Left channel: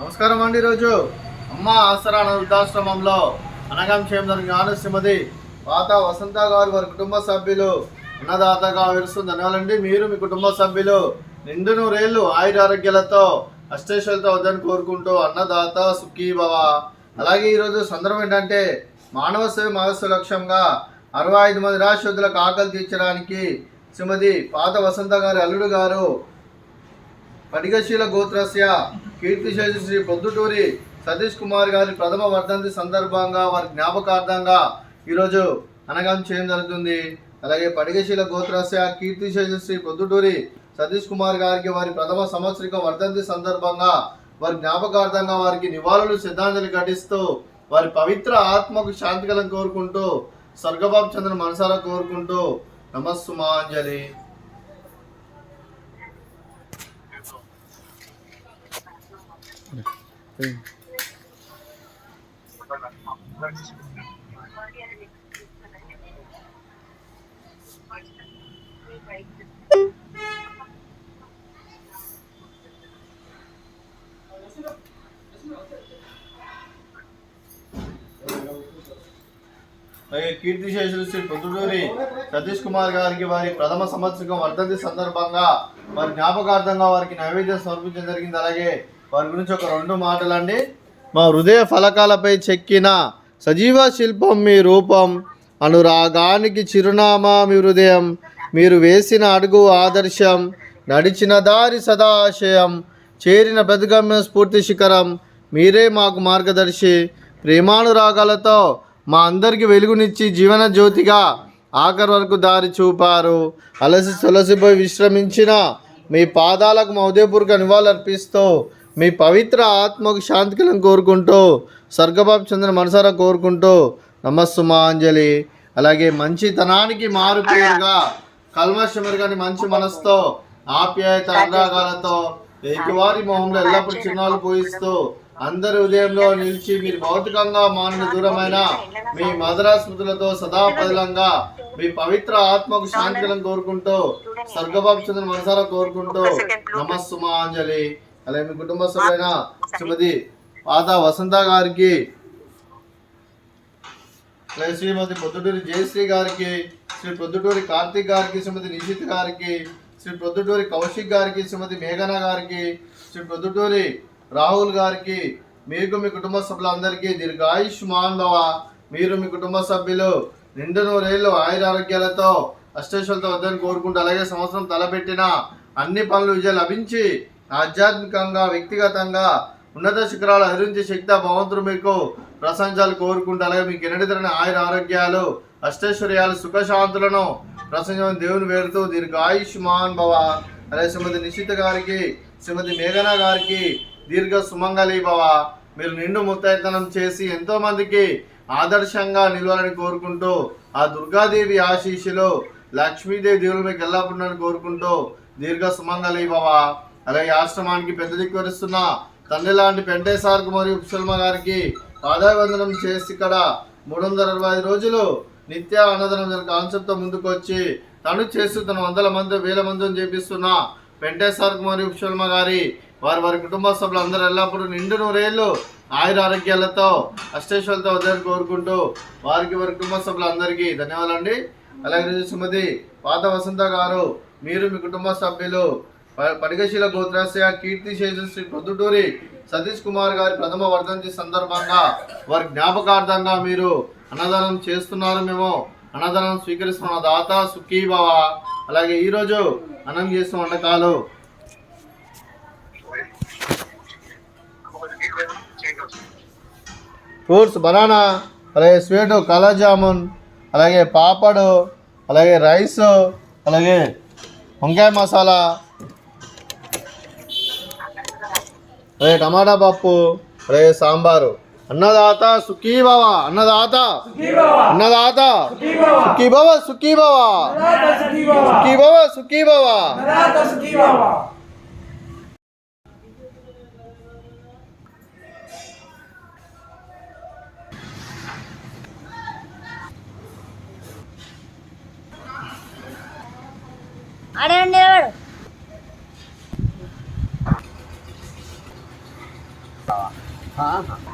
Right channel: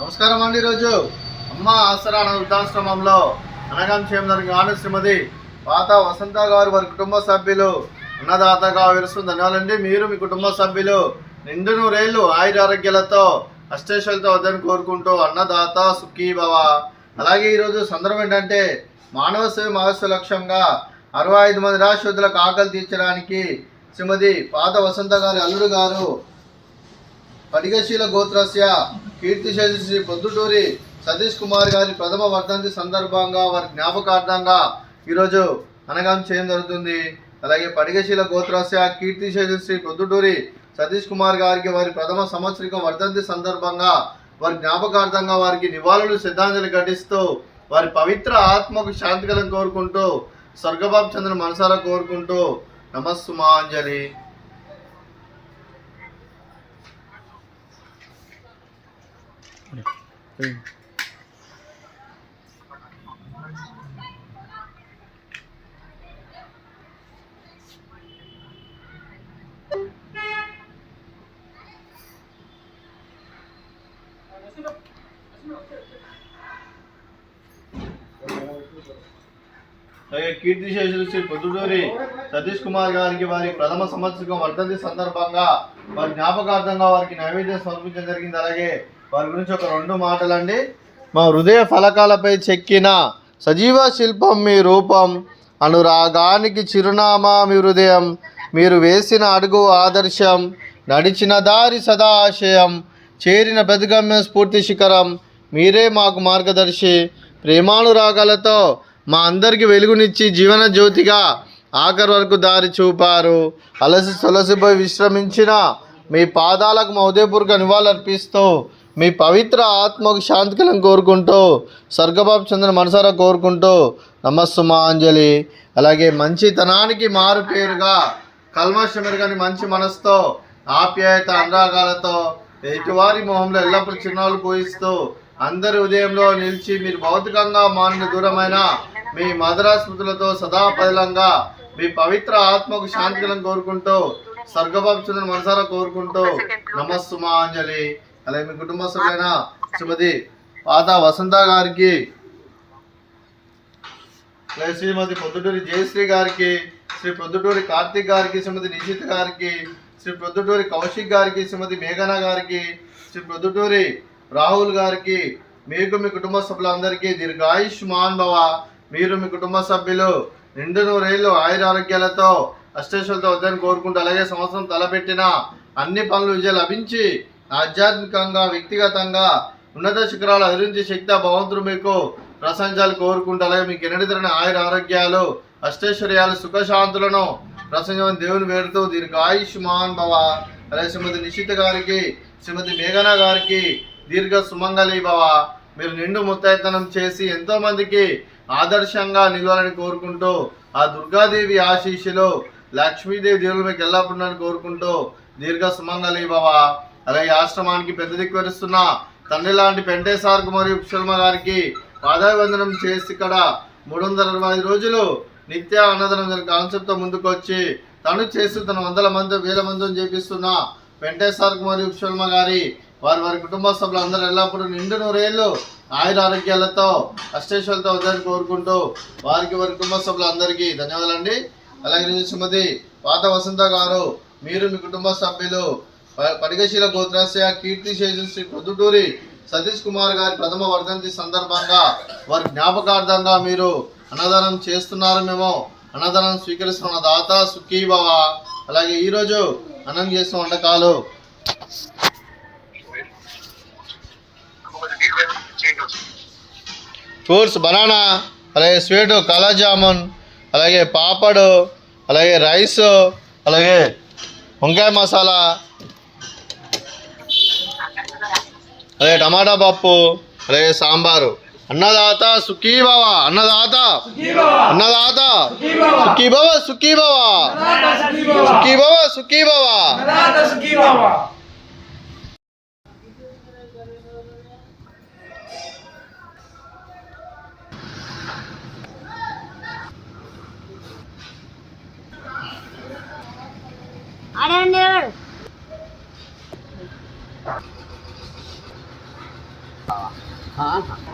నమస్కారం అండి. ఈరోజు అమ్మ ఆసరా వృద్ధాశ్రమంలో అనగం క్షేమం శ్రీమతి పాత వసంత గారు వారి కుటుంబ సభ్యులు అన్నదాతగా విరుస్తుంది. ధన్యవాదాలండి. మీరు మీ కుటుంబ సభ్యులు నిండు నూరేళ్లు ఆయురారోగ్యాలతో అష్టేశ్వరులతో వద్దని కోరుకుంటూ అన్నదాత సుఖీ భవ. అలాగే ఈరోజు సందర్భం ఏంటంటే మానవ సేవ మహస్సు లక్ష్యంగా 65 మంది నిరాశ్రయులకు ఆకలి తీర్చడానికి శ్రీమతి పాత వసంత గారి అల్లుడు గారు పడిగశీల గోత్రస్య కీర్తిశేషి శ్రీ పొద్దుటూరి సతీష్ కుమార్ గారి ప్రథమ వర్ధంతి సందర్భంగా వారి జ్ఞాపకార్థంగా ఈరోజు అనగాం చేయడం జరుగుతుంది. అలాగే పడిగశీల గోత్రస్య కీర్తిశేషి శ్రీ పొద్దుటూరి సతీష్ కుమార్ గారికి వారి ప్రథమ సంవత్సరిక వర్ధంతి సందర్భంగా వారి జ్ఞాపకార్థంగా వారికి నివాళులు శ్రద్ధాంజలి ఘటిస్తూ వారి పవిత్ర ఆత్మకు శాంతి కలను కోరుకుంటూ స్వర్గబాబు చంద్ర మనసారా కోరుకుంటూ నమస్సుమాంజలి. అలాగే కీర్తిశేషులు శ్రీ పొద్దుటూరి సతీష్ కుమార్ గారికి వారి ప్రథమ సంవత్సరం వర్ధంతి సందర్భంగా వారి జ్ఞాపకార్థంగా వారికి నైవేద్యం సమర్పించడం జరిగింది. అలాగే వారి గురించి ఒక 2 మాటలండి. మా హృదయ ఫలకాలపై చెక్కిన సజీవ శిల్పం మీ రూపం, అనురాగానికి చిరునామా మీ హృదయం, మీరు వేసిన అడుగు ఆదర్శం, నడిచిన దారి సదా ఆశయం, చేరిన ప్రతిగమ్య స్ఫూర్తి శిఖరం, మీరే మాకు మార్గదర్శి. ప్రేమానురాగాలతో మా అందరికి వెలుగునిచ్చి జీవన జ్యోతిగా ఆఖరి వరకు దారి చూపారు. అలసి సొలసిపోయి విశ్రమించిన మీ పాదాలకు మా ఉదయపూర్వక నివాళులర్పిస్తూ మీ పవిత్ర ఆత్మకు శాంతికలను కోరుకుంటూ స్వర్గబాబు చంద్ర మనసారా కోరుకుంటూ నమస్సుమాంజలి. అలాగే మంచితనానికి మారు పేరుగా కల్మషమెరుగని మంచి మనసుతో ఆప్యాయత అనురాగాలతో ఎదుటివారి మొహంలో ఎల్లప్పుడూ చిరునవ్వులు పూయిస్తూ అందరి ఉదయంలో నిలిచి మీరు భౌతికంగా మానిన దూరమైన మీ మధుర స్మృతులతో సదా పదిలంగా మీ పవిత్ర ఆత్మకు శాంతికలను కోరుకుంటూ స్వర్గబాబు చంద్ర మనసారా కోరుకుంటూ నమస్సుమాంజలి. అలాగే మీ కుటుంబ సభ్యులైన శ్రీమతి పాత వసంత గారికి, అలాగే శ్రీమతి పొద్దుటూరి జయశ్రీ గారికి, శ్రీ పొద్దుటూరి కార్తీక్ గారికి, శ్రీమతి నిషిత్ గారికి, శ్రీ పొద్దుటూరి కౌశిక్ గారికి, శ్రీమతి మేఘన గారికి, శ్రీ పొద్దుటూరి రాహుల్ గారికి, మీకు మీ కుటుంబ సభ్యులందరికీ దీర్ఘాయుష్మాన్ భవ. మీరు మీ కుటుంబ సభ్యులు నిండు నూరేళ్లు ఆయురారోగ్యాలతో అష్టేశ్వరులతో వద్దని కోరుకుంటూ అలాగే సంవత్సరం తలపెట్టిన అన్ని పనులు విజయం లభించి ఆధ్యాత్మికంగా వ్యక్తిగతంగా ఉన్నత శిఖరాలు అధిరించి శక్తి భగవంతుడు మీకు ప్రశంసాలు కోరుకుంటూ అలాగే మీకు ఎన్నడితరని ఆయుర ఆరోగ్యాలు అష్టైశ్వర్యాలు సుఖశాంతులను ప్రసంగం దేవుని వేరుతూ దీర్ఘాయుష్మాన్ భవ. అలాగే శ్రీమతి నిషిత గారికి, శ్రీమతి మేఘన గారికి దీర్ఘ సుమంగళి భవ. మీరు నిండు ముత్తైతనం చేసి ఎంతో మందికి ఆదర్శంగా నిలవాలని కోరుకుంటూ ఆ దుర్గాదేవి ఆశీస్సులు లక్ష్మీదేవి దేవుడు మీకు ఎల్లప్పుడూ కోరుకుంటూ దీర్ఘ సుమంగళి భవ. అలాగే ఆశ్రమానికి పెద్ద దిక్కువరుస్తున్న తండ్రి లాంటి పెంటేసార్కు మరియు కుశల్మ గారికి పాదాభివందనం చేసి ఇక్కడ 365 రోజులు నిత్య అన్నదానం కాన్సెప్ట్తో ముందుకు వచ్చి తను చేస్తూ తన వందల మంది వేల మందిని చేపిస్తున్న పెంటేసార్కు మరియు కుశల్మ గారి వారి కుటుంబ సభ్యులు అందరూ ఎల్లప్పుడూ నిండు నూరేళ్లు ఆయుర ఆరోగ్యాలతో అష్టేశ్వరులతో వద్దని కోరుకుంటూ వారి కుటుంబ సభ్యులందరికీ ధన్యవాదాలండి. అలాగే శ్రీమతి పాత వసంత గారు, మీరు మీ కుటుంబ సభ్యులు పడిగశీల గోత్రస్య కీర్తిశేషు శ్రీ పొద్దుటూరి సతీష్ కుమార్ గారి ప్రథమ వర్ధంతి సందర్భంగా వారి జ్ఞాపకార్థంగా మీరు అన్నదానం చేస్తున్నారు. మేము అన్నదానం స్వీకరిస్తున్న దాత సుఖీ భవ. అలాగే ఈరోజు అన్నం చేస్తున్న వంటకాలు ఫ్రూట్స్ బనానా, అలాగే స్వీటు కాలా జామున్, అలాగే పాపడు, అలాగే రైస్, అలాగే వంకాయ మసాలా, అలాగే టమాటా పప్పు, అలాగే సాంబారు. అన్నదాత సుఖీ భవ, అన్నదాత అన్నదాత సుఖీ భవ, సుఖీ భవ, సుఖీ భవ, సుఖీ భవ. ఆహా.